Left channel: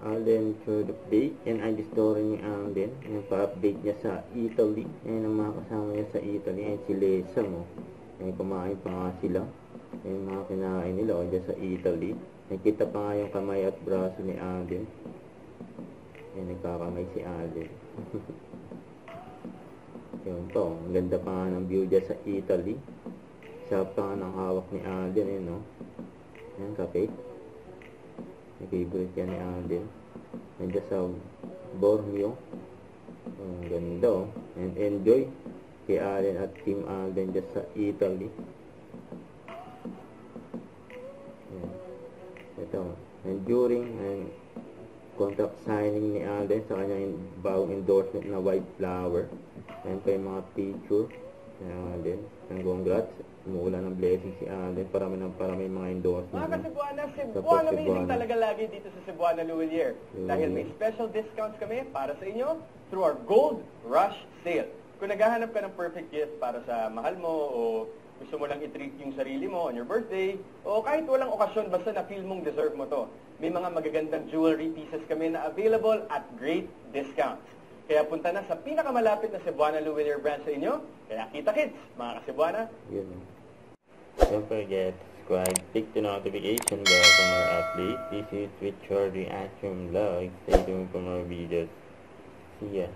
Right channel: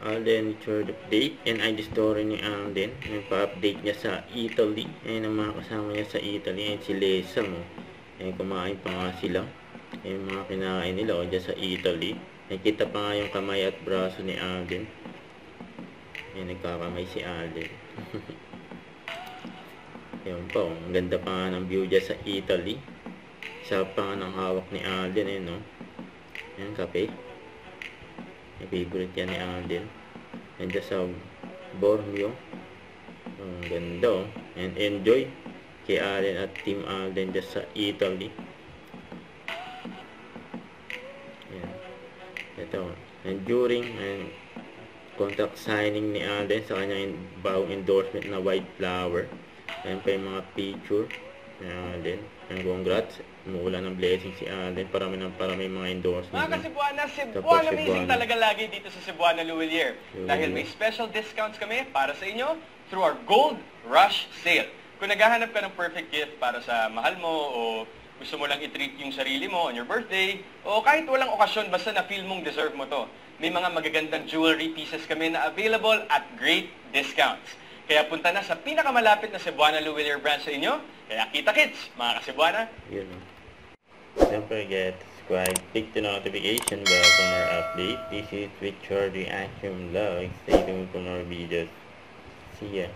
Alden Richard update. Yan ay the story ni Alden. Nagpa-update niya sa Italy. Ayan ang mga kasama niya sa Italy. Ayan si Lesa mo. Ayan, kumain pa nga sila. Ayan mga kinain nila o dyan sa Italy. Nakita pa nga yung kamay at braso ni Alden. Ayan, nagkakamay si Alden. Ayan po, ang ganda pa nga ng view dyan sa Italy. Isa pa nga ng hawak ni Alden. Ayan no. Ayan, kape. Yung favorite yan ni Alden. Nandiyan sa Bormio. Ang ganda oh. And enjoy kay Alden at Team Alden dyan sa Italy. Yan. Ito. And during and contract signing ni Alden sa kanyang bagong endorsement na white flower. Ayan pa yung mga picture ni Alden. And congrats. Umuulan ng blessing si Alden. Parami mga endorsement. Mga ka-Cebuana, Cebuana amazing talaga lagi dito sa Cebuana Luwilier. Dahil may special discounts kami para sa inyo through our Gold Rush Sale. Kung naghahanap ka ng perfect gift para sa mahal mo o gusto mo lang i-treat yung sarili mo on your birthday o kahit walang okasyon basta na-feel mong deserve mo to. May mga magagandang jewelry pieces kami na available at great discounts. Kaya punta na sa pinakamalapit na Cebuana Luwilier branch sa inyo. Kaya kita-kits, mga ka-Cebuana. Yun. Don't forget to subscribe, click the notification bell for more updates. This is Richard Reaction Vlog. Stay tuned for more videos. See ya.